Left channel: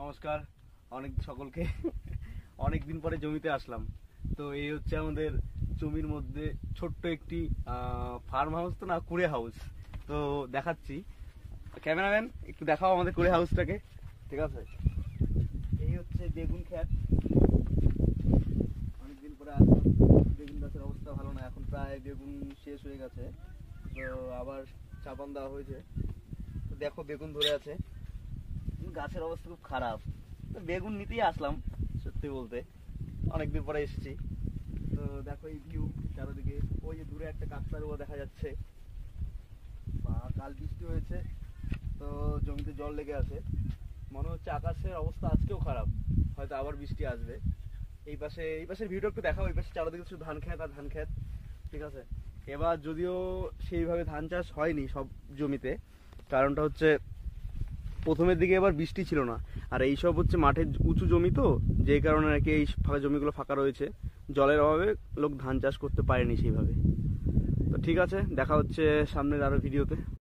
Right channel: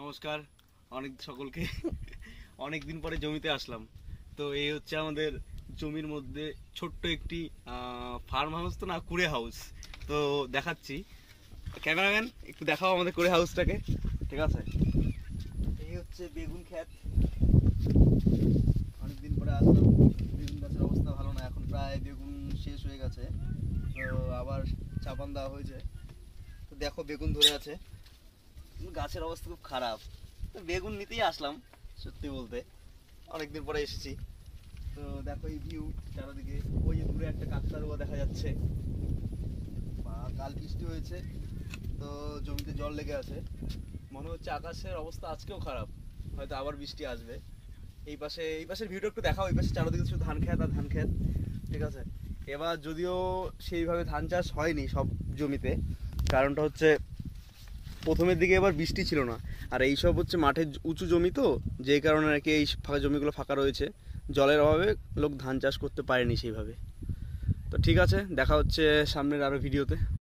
নমস্কার অনেক সকলকে। অনেক দিন পরে জমিতে আসলাম। তো এই হচ্ছে আমাদের জমির মধ্যে ছোট্ট একটি ফার্ম হাউস, তো না কুড়ে হাউস। তো দেখাচ্ছি, ক্যামেরাম্যান একটু দেখাও আমাদের কুড়ে হাউসটাকে। ঠিক আছে, এই হচ্ছে বেগুন ক্ষেত। অনেকদিন পরে আসলাম। বেগুন গাছের অবস্থা ভালো না, এখন প্রায় বেগুন শেষ হয়ে গেছে, তো আবার চাপান দেওয়া হয়েছে। তো দেখো বেগুন ধরে আছে, গাছের অবস্থা খুব খারাপ। বেগুন নিতেই আসলাম সত্যি বলতে, অনেকদিন পরে এসেছি। তো দেখো এই ভিউ চারদিকে, ওই যে দূরে একটা কাকতাড়ুয়া দেখা যাচ্ছে। বা কাল বৃষ্টি হয়েছে, তো জমিতে জল লেগে আছে। মনে হচ্ছে আকাশের অবস্থা আজকেও খারাপ, হয়তো আবার বৃষ্টি আসবে। এই পাশের ভিউটা একটু দেখাও। এই পাশে চারদিকে শুধু ধান খেত আর ধান খেত। ঠিক আছে, এবার যদিও সেইভাবে ধান চাষ হয়নি সব জমিতে, কারণটা হচ্ছে প্রথমের দিকে এবার বৃষ্টি ছিল না। আর এইসব হচ্ছে মাঠের উঁচু জমি, তো যেই কারণে আর কি এই ফাঁকা জমিগুলো ফাঁকা রয়েছে। জলের অভাবে লোক ধান চাষ করতে পারেনি সেইভাবে। তো ঠিক আছে, দেখা হচ্ছে সামনের আরও ভিডিওতে।